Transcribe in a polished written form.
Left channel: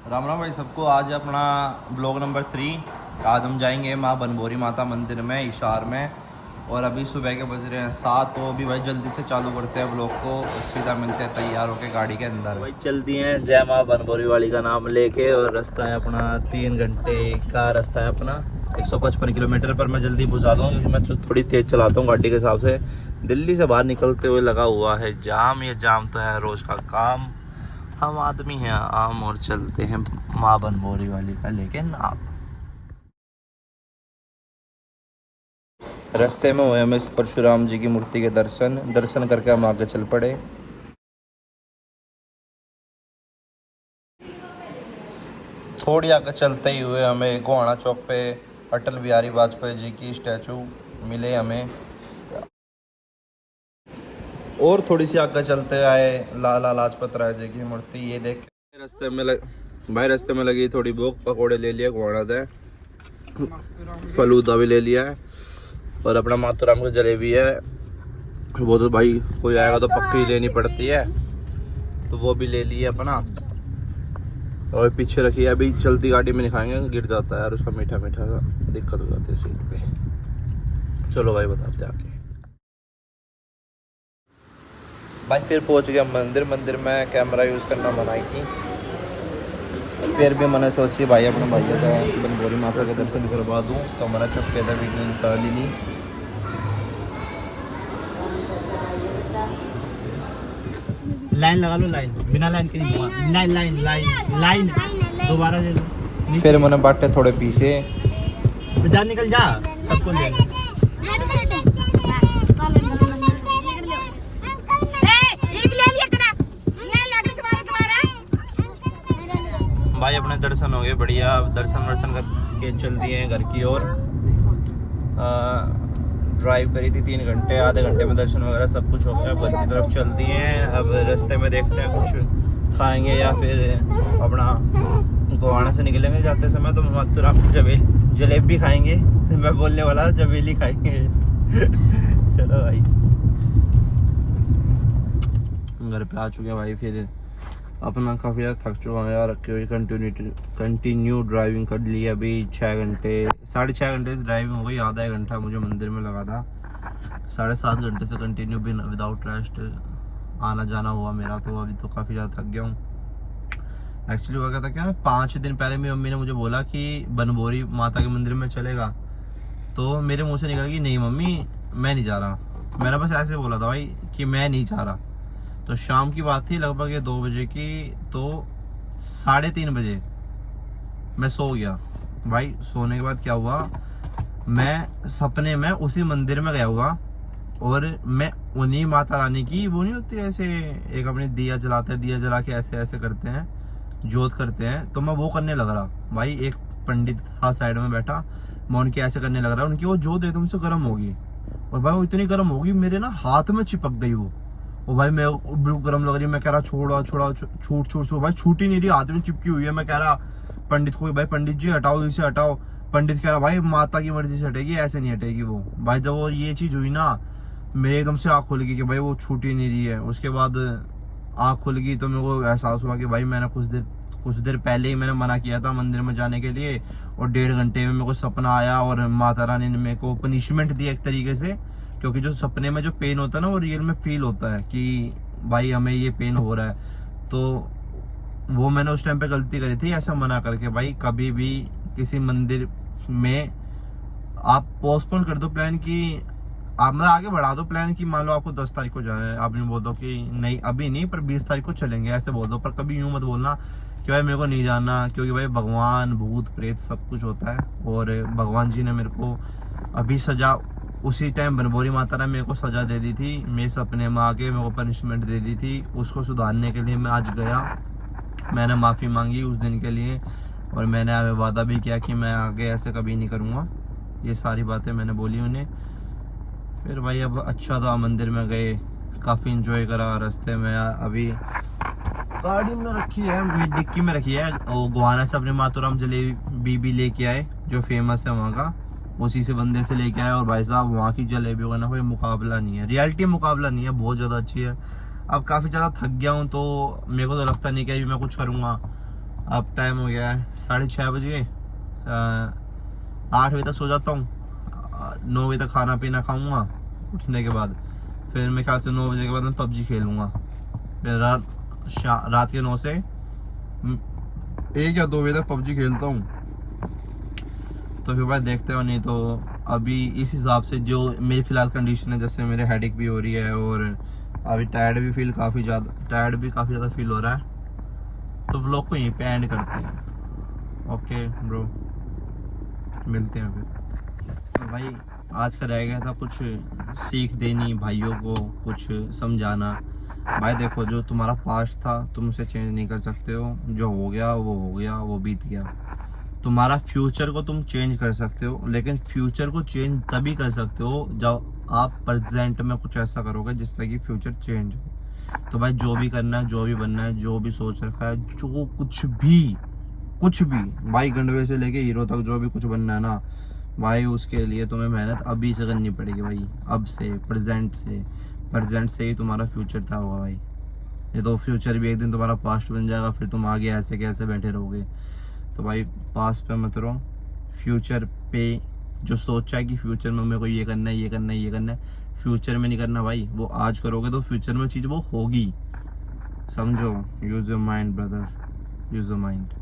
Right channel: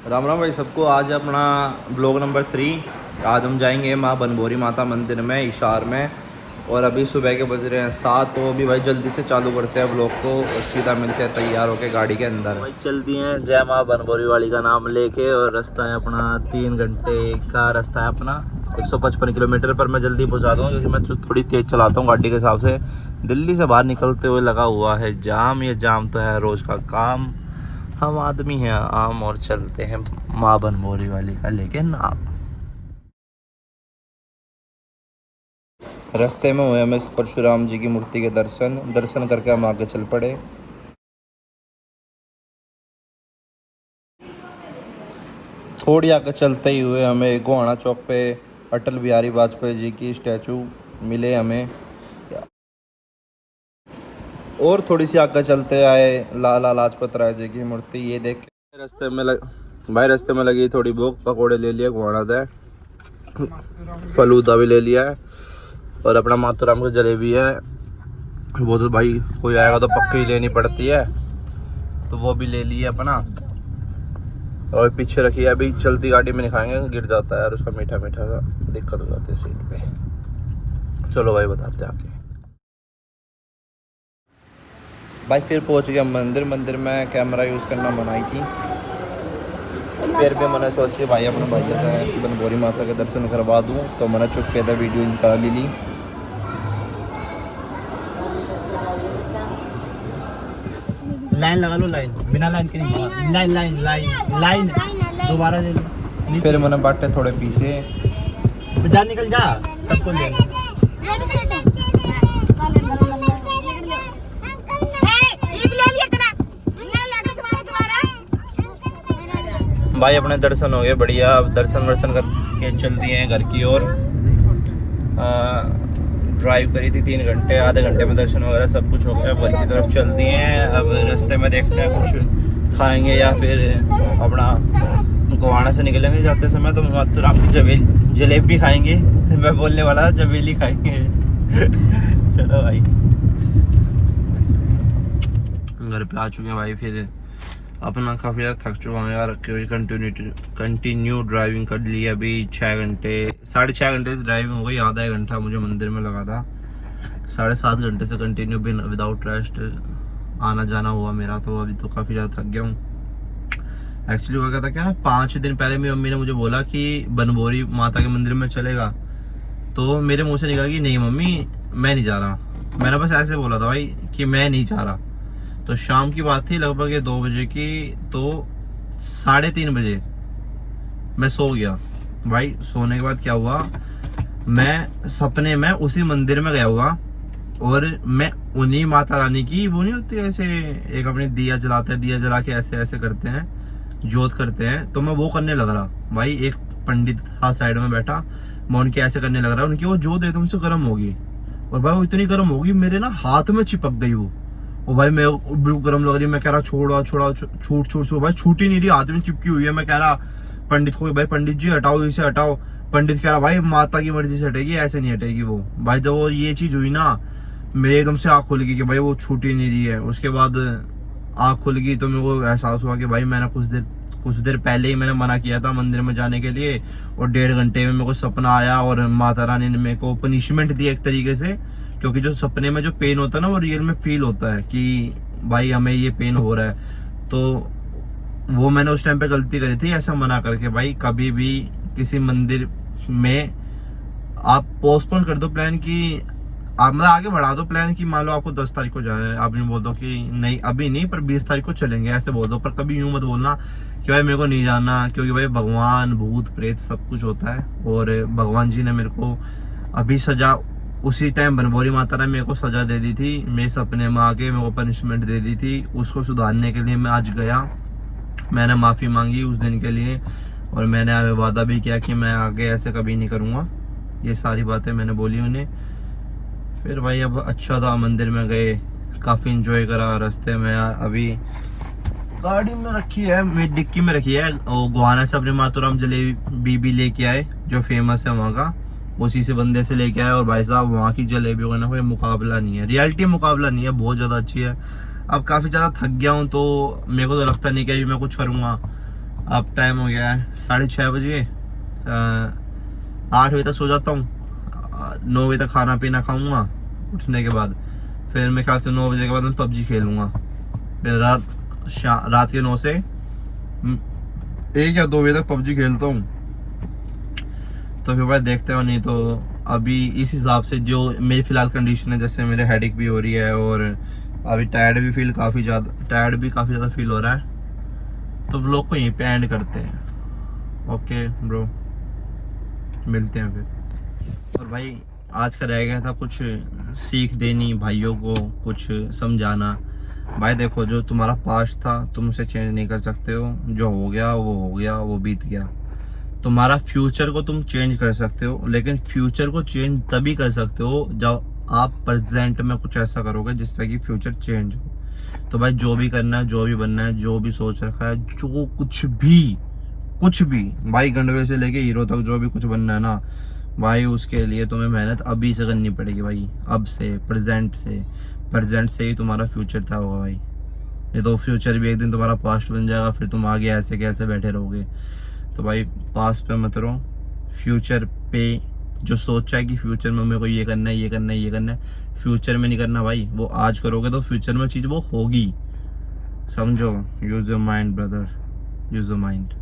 राम राम भाई सबको। आज अपना ब्लॉग नंबर 3। आज हम जाएंगे माँ बनभौरी माता मंदिर में हिसार में। और अभी सुबह के बज रहे हैं 7, तो अभी भाई जल्दी से चालू करते हैं ब्लॉग को और सीधा मिलते हैं तैयार होके गाड़ी के अंदर। भाई चलती हैं जय माँ बनभौरी वाली का नाम लेके। और रास्ता है अपना 3 घंटे का रास्ता है अपना 155 किलोमीटर पर। मैं जल्दी पहुँचा दूँ क्योंकि मैं थोड़ी तेज़ चलाता हूँ गाड़ी के हिसाब से। दिल्ली से बाहर निकलते हुए लगा हुआ है जाम। ये जाम तो है रोज़ का काम। हम आदमी हैं आम और चलते हैं माँ बनभौरी वाली का लेके नाम। रास्ते में हुए हमें परशुराम जी की मूर्ति के दर्शन करके हम आगे चल पड़े। थोड़ी आगे चलते ही हुए हमें गोहाना चौक पे अटल बिहारी वाजपेयी जी की स्टैचू मिले हमें। और थोड़ी सी आगे चलते आए लाला लाजपत राय जी की मूर्ति ये देख के रास्ते में लगी थोड़ी भूख। पकौड़े ले लिए गोहाना से, फलूदा भी ले लिया है और अपना माथुराम की जलेबी है। वो तो भाई कोई आएगा तो पक्की लेनी पड़ती है, तो वो भी ले लिए अपना। और पीछे रखी है, अभी चलती गाड़ी में नहीं खाएंगे, गिर जाता है यार उसका मीठा मीठा सा, दिक्कत हो जाती है सीट पे। चलो भाई बताते आके। भाई फिर पहुंच गए मंदिर में कैमरा यूज़ करना बनाई थी। फिर भी मैंने सोची भाई अपने भैया का बनभौरी माता के दर्शन करवा दूँ, तो मैंने चुपके से वीडियो निकाल ली। लाइन लगा लो, लाइन बिना लाइन के नहीं। लाइन लाइन लाइन लाइन दोबारा ले लो। फिर मैंने बाटे थोड़े पीसे। जा निकल जा, सबको ले लो। भाई अपने दर्शन हो गए बढ़िया। अब दर्शन वर्शन करके चल दिए हैं घर की ओर। ड्राइव करी थी 3 घंटे, आधे घंटे में दर्शन वगैरह सब कुछ हो गया। अब घर की तरफ चल दिए हैं। अब रास्ते में देखते हैं कुछ खाएंगे या फिर अपना गोहाना से निकलेंगे जाते समय तो माथुराम की जलेबी खाएंगे। मैं बोलने वाला था जबेली खाएंगे। चलो भाई घर पे आ चुके हैं भाई। फिर अपना काफ़ी ज़्यादा थक चुका हूँ यार, कंटिन्यू ड्राइविंग कर ली। अभी 6 घंटे 6.5 घंटे से ड्राइविंग हो गई। आधा 1 घंटा मुझे मंदिर में लगा था। 7.5 घंटे से कंटिन्यू बिन विदाउट रेस्ट आना जाना हुआ मेरा। तो अभी तो काफ़ी ज़्यादा थक गया हूँ। एक्चुअली हुआ क्या था क्या ना, 5 दिन पहले मेरी मम्मी ने मुझे बोला कि बनभौरी माता के मंदिर में चलेगा। तो मेरे मुँह से निकला कि नहीं मम्मी मैं नहीं जा रहा। मैंने बस ऐसे बोला था भाई कि मैं नहीं जा रहा। तो शाम की बात थी लगभग 2 बजे की। तो 3:30 बजे मैं सो गया। भाई सोने के बाद क्या हुआ, मैं सपने में उसी मंदिर में गया हुआ और मैं उन्हीं माता रानी की, वो नहीं होती ऐसे एक अपनी दिया जलाते हैं, दिया जला के ऐसे ऐसे करते हैं, जोत करते हैं, तो मैं वो करने लग रहा। भाई एक पंडित था साइड में बैठा, मैं उनके ऐसे करने लग रहा। उनकी वो जोत एकदम से गर्म होगी और भाई वो इतनी गर्म होगी मेरे ना हाथ में चिपक गई वो। और भाई मैं गर्म लग रही, मैं कह रहा छोड़ा छूट भाई छूट ही नहीं रही, हाथ में चिपकी हुई है। मैं कह रहा पंडित को, भाई पंडित जी हटाओ इसे हटाओ। पंडित कह रहा भाई माता की मर्जी से हटेगी, ऐसे नहीं हटेगी वो। भाई जब वो ये चीज हुई ना, मेरे एकदम से आँख खुल गई कि भाई वो छूट ही नहीं रही है। उसके बाद आँख खुल गई तो मेरे को एहसास हुआ कि भाई मैंने कुछ देर पहले ही मैंने मना किया था मंदिर में जाने के लिए। और 1.5 घंटे में मेरे को सपना आया और माता रानी ने मेरे को पनिशमेंट दी एक तरीके से। क्योंकि जो सपने में जो पेन होता है ना, वो रियल में फील होता है कि भाई हमें ये पेन हो रहा है। तो वो मैंने उस टाइम पे गलती करी थी ऐसा मना करके। भाई कभी भी किसी मंदिर में आप पोस्टपोन कर दो प्लान की, आप मतलब आगे बढ़ा दो प्लान की। मान लो आपको 10 तारीख को जाना है, आप यूँ बोल दो कि नहीं अभी नहीं पर 20 तारीख को चलेंगे, ऐसे बोल दो। पर कभी यूँ मत बोलना कि भाई मेरे को नहीं जाना, क्योंकि भाई भगवान भूत प्रेत सब कुछ होता है। और भगवान जी ने मेरे को अभी सजा, उसी टाइम बनभौरी माता ने मेरे को सजा दे दी थी, मेरे सपने में आके मेरे को पनिशमेंट दे दी थी। उसको सुधारने के लिए मैं आज गया, मैंने माफ़ी मांगी उस दिन के लिए। और मैंने वादा भी किया कि मैं आगे ऐसे कभी नहीं करूँगा। ये सारी बातें मैंने बोली उन्हें। फिर भाई अब अच्छा था, मंदिर में गए, काफ़ी इंजॉय करा। रास्ते में अभी गाड़ी में रखी है, मेरी डिक्की में रखी है, वो गोहाना से अपने माथुराम जलेबी भी लेके आए जो फेमस है वहाँ का, उसी से बंदे से लेके आए। और भाई साहब वहाँ की जलेबियों का ना कोई मुकाबला नहीं है, रियलिटी मुकाबला नहीं है, बहुत ज़्यादा अच्छी है। अब काफ़ी ज़्यादा थक गया हूँ तो मेरे को तो लगता नहीं कि अभी मैं कुछ करूँगा। अब टाइम हो गया है 6:30 बजे। 8 बजे तक सो जाता हूँ, 9 बजे तक खाना पीना खाऊंगा उठने के बाद। फिर मेरे ख्याल से 9 बजे के बाद मैं पबजी खेलूँगा। फिर रात के 9 से 1 या 2 बजे तक पबजी खेलता हूँ। तो फिर भाई देखते हो, नहीं तो अभी इस हिसाब से जो मेरी फ़िलहाल कंडीशन है, जैसे मेरे हेडेक भी हो रही है और अभी टायर्ड भी काफ़ी ज़्यादा फील हो रहा है। तो व्लॉग को यहीं पे एंड करते हैं। ओके ब्रो, मिलते हैं फिर। तो भाई आज का रह गया था कुछ सीख देनी भाइयों को, कुछ समझाना। भाई देखो, जो तुम्हारा पास्ट था तुम उसे चेंज नहीं कर सकते हो। जो हो गया वो हो गया, वो बीत गया। तुम्हारा फ्यूचर को तुम चेंज कर सकते हो, लेकिन फ्यूचर को चेंज तभी कर सकते हो जब आप प्रेजेंट में कुछ ऐसा करोगे जिससे कि फ्यूचर चेंज हो। तो भाई जो भी करना है, जो भी बनना है, जो भी सोच रखा है, जो कुछ भी भाई, गंडवे से लेके हीरो तक जो भी कुछ बनना है ना भाई, उसके लिए तुम्हें मेहनत अभी से करनी पड़ेगी भाई। अब से, प्रेजेंट से ही तुम्हारा फ्यूचर तय होगा भाई। ये तो फ्यूचर भी एक दिन तुम्हारा पास्ट बन जाएगा, फिर तुम आगे ऐसे कैसे बैठे रहोगे। तो भाई पास्ट पे मत रहो, फ्यूचर पे जो सोचा है कि फ्यूचर में मेरे को ये करना है, फ्यूचर में नहीं करना भाई। वो आज करोगे तो फ्यूचर में चीज़ वो होगी, समझो। Use your mind brother, use your mind.